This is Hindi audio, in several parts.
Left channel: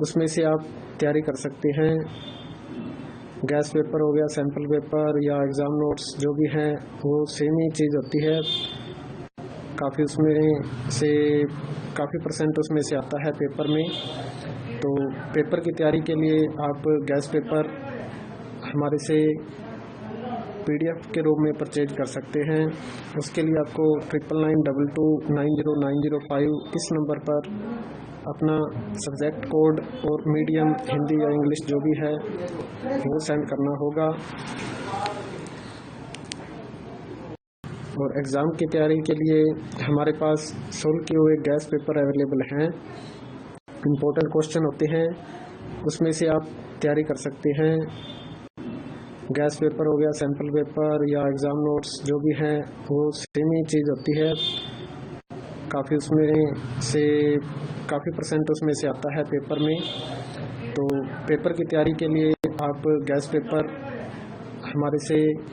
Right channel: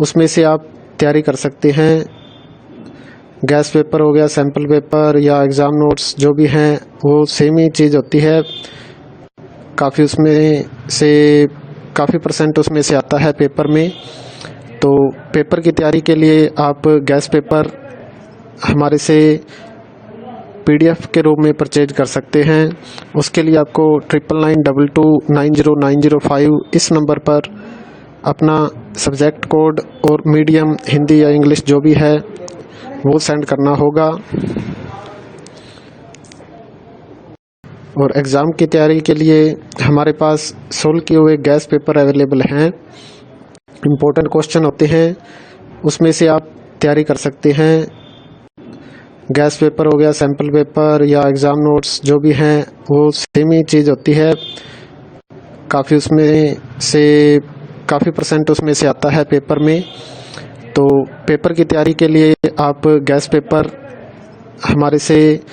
उसमें से आप तैयारी कर सकते हैं। गैस पेपर हो गया, सैम्पल पेपर या एग्ज़ाम नोट्स जो भी हैं वो सेम ही चीज़ होती है। काफ़ी उसमें से काफ़ी परसेंट उसमें से आता है पेपर में। तो पेपर की तैयारी के लिए आप गैस पेपर हमारे से PDF के रूप में परचेज कर सकते हैं। उसके लिए आपको 9992290905 इस नंबर पर अपना सब्जेक्ट कोड और मीडियम हिंदी या इंग्लिश जो भी है वो सेंड करना होगा। और एग्ज़ाम की तैयारी के लिए हमारे पास सोल्व किए हुए गैस पेपर अवेलेबल हैं। इम्पोर्टेंट क्वेश्चन होते हैं, उसमें से आप तैयारी कर सकते हैं। गैस पेपर हो गया, सैम्पल पेपर या एग्ज़ाम नोट्स जो भी हैं वो सेम ही चीज़ होती है। काफ़ी उसमें से काफ़ी परसेंट उसमें से आता है पेपर में। तो पेपर की तैयारी के लिए आप गैस पेपर हमारे से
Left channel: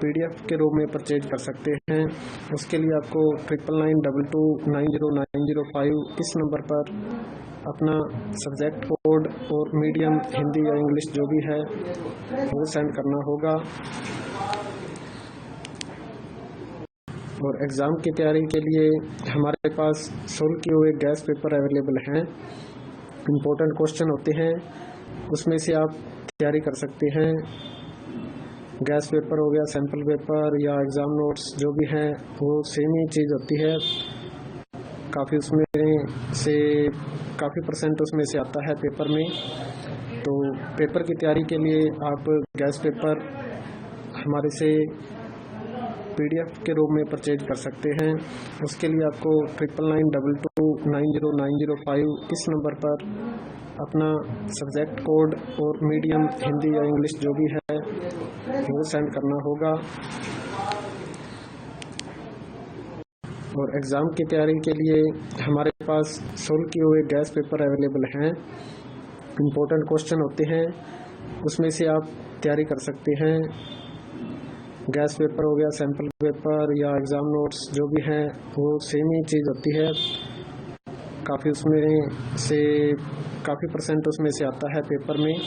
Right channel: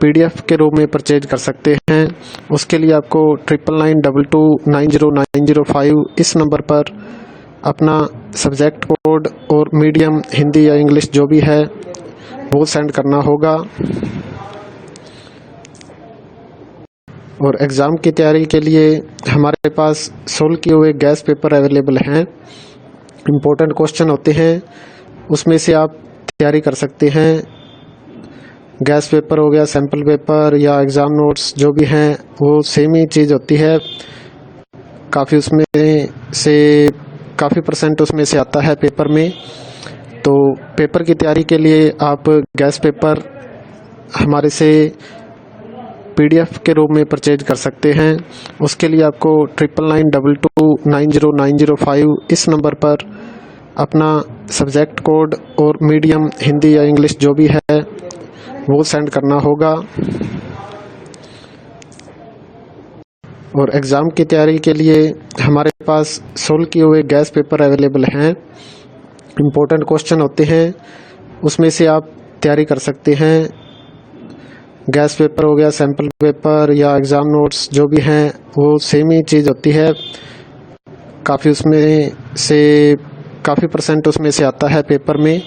PDF के रूप में परचेज कर सकते हैं। उसके लिए आपको 9992290905 इस नंबर पर अपना सब्जेक्ट कोड और मीडियम हिंदी या इंग्लिश जो भी है वो सेंड करना होगा। और एग्ज़ाम की तैयारी के लिए हमारे पास सोल्व किए हुए गैस पेपर अवेलेबल हैं। इम्पोर्टेंट क्वेश्चन होते हैं, उसमें से आप तैयारी कर सकते हैं। गैस पेपर हो गया, सैम्पल पेपर या एग्ज़ाम नोट्स जो भी हैं वो सेम ही चीज़ होती है। काफ़ी उसमें से काफ़ी परसेंट उसमें से आता है पेपर में। तो पेपर की तैयारी के लिए आप गैस पेपर हमारे से PDF के रूप में परचेज कर सकते हैं। उसके लिए आपको 9992290905 इस नंबर पर अपना सब्जेक्ट कोड और मीडियम हिंदी या इंग्लिश जो भी है वो सेंड करना होगा। और एग्ज़ाम की तैयारी के लिए हमारे पास सोल्व किए हुए गैस पेपर अवेलेबल हैं। इम्पोर्टेंट क्वेश्चन होते हैं, उसमें से आप तैयारी कर सकते हैं। गैस पेपर हो गया, सैम्पल पेपर या एग्ज़ाम नोट्स जो भी हैं वो सेम ही चीज़ होती है। काफ़ी उसमें से काफ़ी परसेंट उसमें से आता है पेपर में।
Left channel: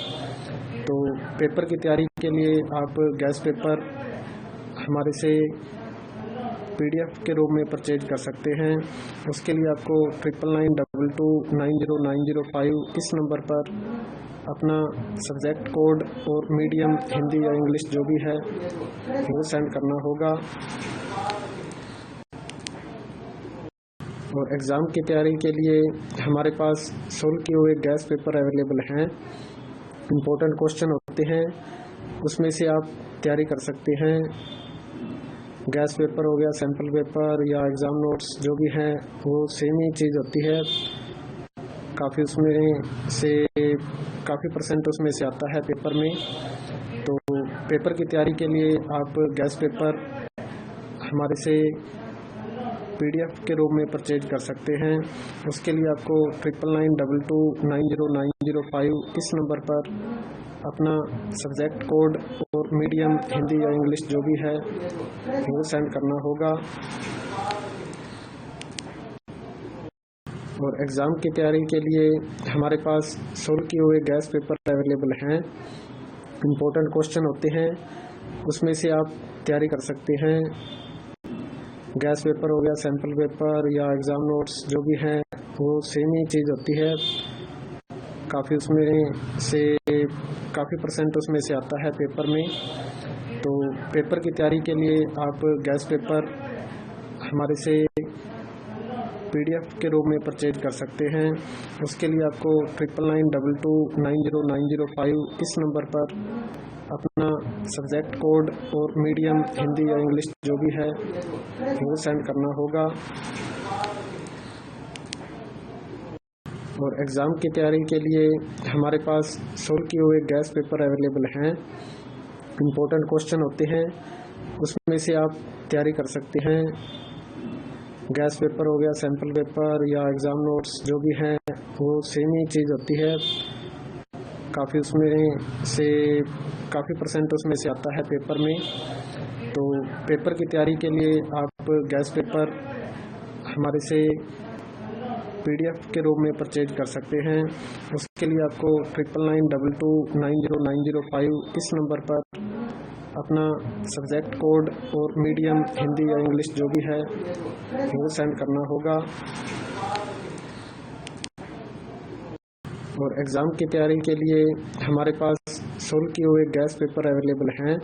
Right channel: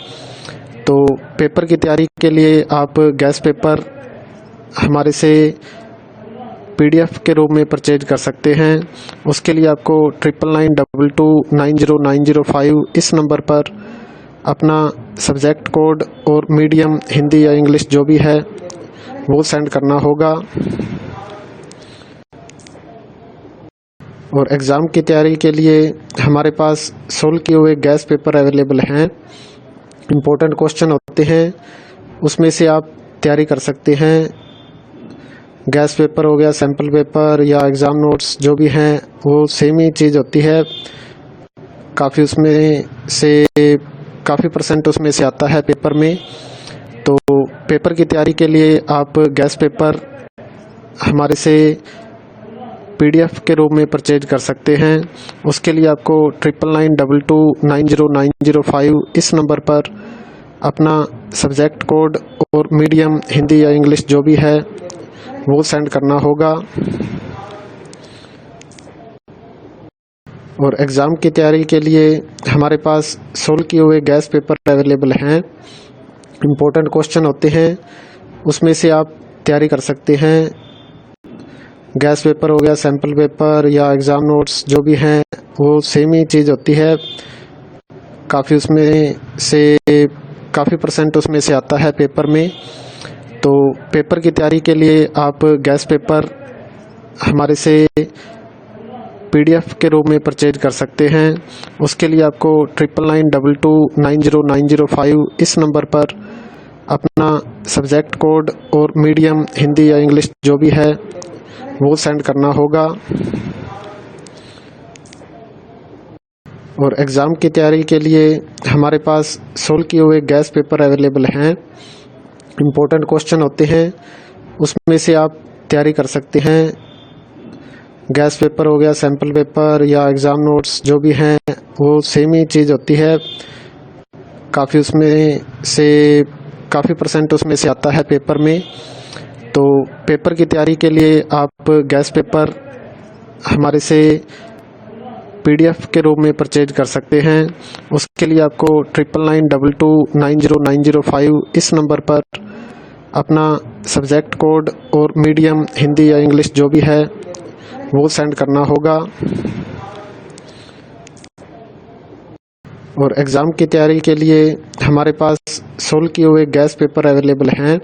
तो पेपर की तैयारी के लिए आप गैस पेपर हमारे से PDF के रूप में परचेज कर सकते हैं। उसके लिए आपको 9992290905 इस नंबर पर अपना सब्जेक्ट कोड और मीडियम हिंदी या इंग्लिश जो भी है वो सेंड करना होगा। और एग्ज़ाम की तैयारी के लिए हमारे पास सोल्व किए हुए गैस पेपर अवेलेबल हैं। इम्पोर्टेंट क्वेश्चन होते हैं, उसमें से आप तैयारी कर सकते हैं। गैस पेपर हो गया, सैम्पल पेपर या एग्ज़ाम नोट्स जो भी हैं वो सेम ही चीज़ होती है। काफ़ी उसमें से काफ़ी परसेंट उसमें से आता है पेपर में। तो पेपर की तैयारी के लिए आप गैस पेपर हमारे से PDF के रूप में परचेज कर सकते हैं। उसके लिए आपको 9992290905 इस नंबर पर अपना सब्जेक्ट कोड और मीडियम हिंदी या इंग्लिश जो भी है वो सेंड करना होगा। और एग्ज़ाम की तैयारी के लिए हमारे पास सोल्व किए हुए गैस पेपर अवेलेबल हैं। इम्पोर्टेंट क्वेश्चन होते हैं, उसमें से आप तैयारी कर सकते हैं। गैस पेपर हो गया, सैम्पल पेपर या एग्ज़ाम नोट्स जो भी हैं वो सेम ही चीज़ होती है। काफ़ी उसमें से काफ़ी परसेंट उसमें से आता है पेपर में। तो पेपर की तैयारी के लिए आप गैस पेपर हमारे से PDF के रूप में परचेज कर सकते हैं। उसके लिए आपको 9992290905 इस नंबर पर अपना सब्जेक्ट कोड और मीडियम हिंदी या इंग्लिश जो भी है वो सेंड करना होगा। और एग्ज़ाम की तैयारी के लिए हमारे पास सोल्व किए हुए गैस पेपर अवेलेबल हैं। इम्पोर्टेंट क्वेश्चन होते हैं, उसमें से आप तैयारी कर सकते हैं। गैस पेपर हो गया, सैम्पल पेपर या एग्ज़ाम नोट्स जो भी हैं वो सेम ही चीज़ होती है। काफ़ी उसमें से काफ़ी परसेंट उसमें से आता है पेपर में। तो पेपर की तैयारी के लिए आप गैस पेपर हमारे से PDF के रूप में परचेज कर सकते हैं। उसके लिए आपको 9992290905 इस नंबर पर अपना सब्जेक्ट कोड और मीडियम हिंदी या इंग्लिश जो भी है वो सेंड करना होगा। और एग्ज़ाम की तैयारी के लिए हमारे पास सोल्व किए हुए गैस पेपर अवेलेबल हैं।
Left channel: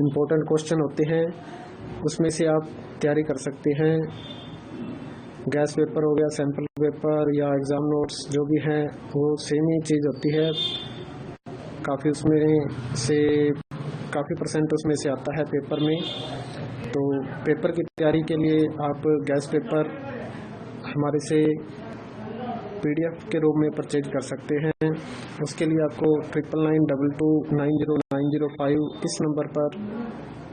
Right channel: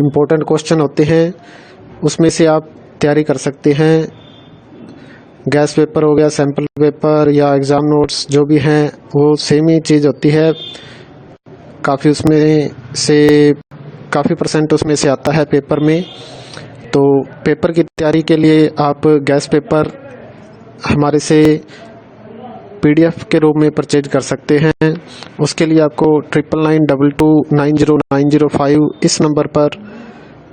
इम्पोर्टेंट क्वेश्चन होते हैं, उसमें से आप तैयारी कर सकते हैं। गैस पेपर हो गया, सैम्पल पेपर या एग्ज़ाम नोट्स जो भी हैं वो सेम ही चीज़ होती है। काफ़ी परसेंट उसमें से आता है पेपर में। तो पेपर की तैयारी के लिए आप गैस पेपर हमारे से PDF के रूप में परचेज कर सकते हैं। उसके लिए आपको 9992290905 इस नंबर पर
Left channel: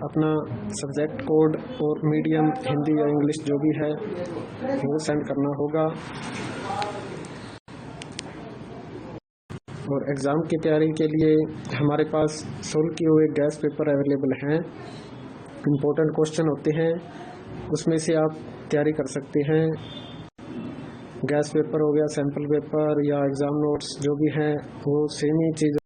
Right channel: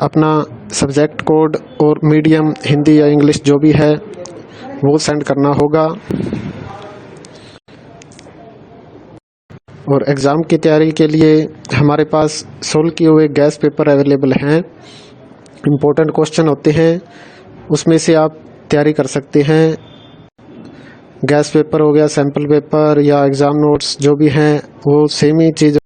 अपना सब्जेक्ट कोड और मीडियम हिंदी या इंग्लिश जो भी है वो सेंड करना होगा। और एग्ज़ाम की तैयारी के लिए हमारे पास सोल्व किए हुए गैस पेपर अवेलेबल हैं। इम्पोर्टेंट क्वेश्चन होते हैं, उसमें से आप तैयारी कर सकते हैं। गैस पेपर हो गया, सैम्पल पेपर या एग्ज़ाम नोट्स जो भी हैं वो सेम ही चीज़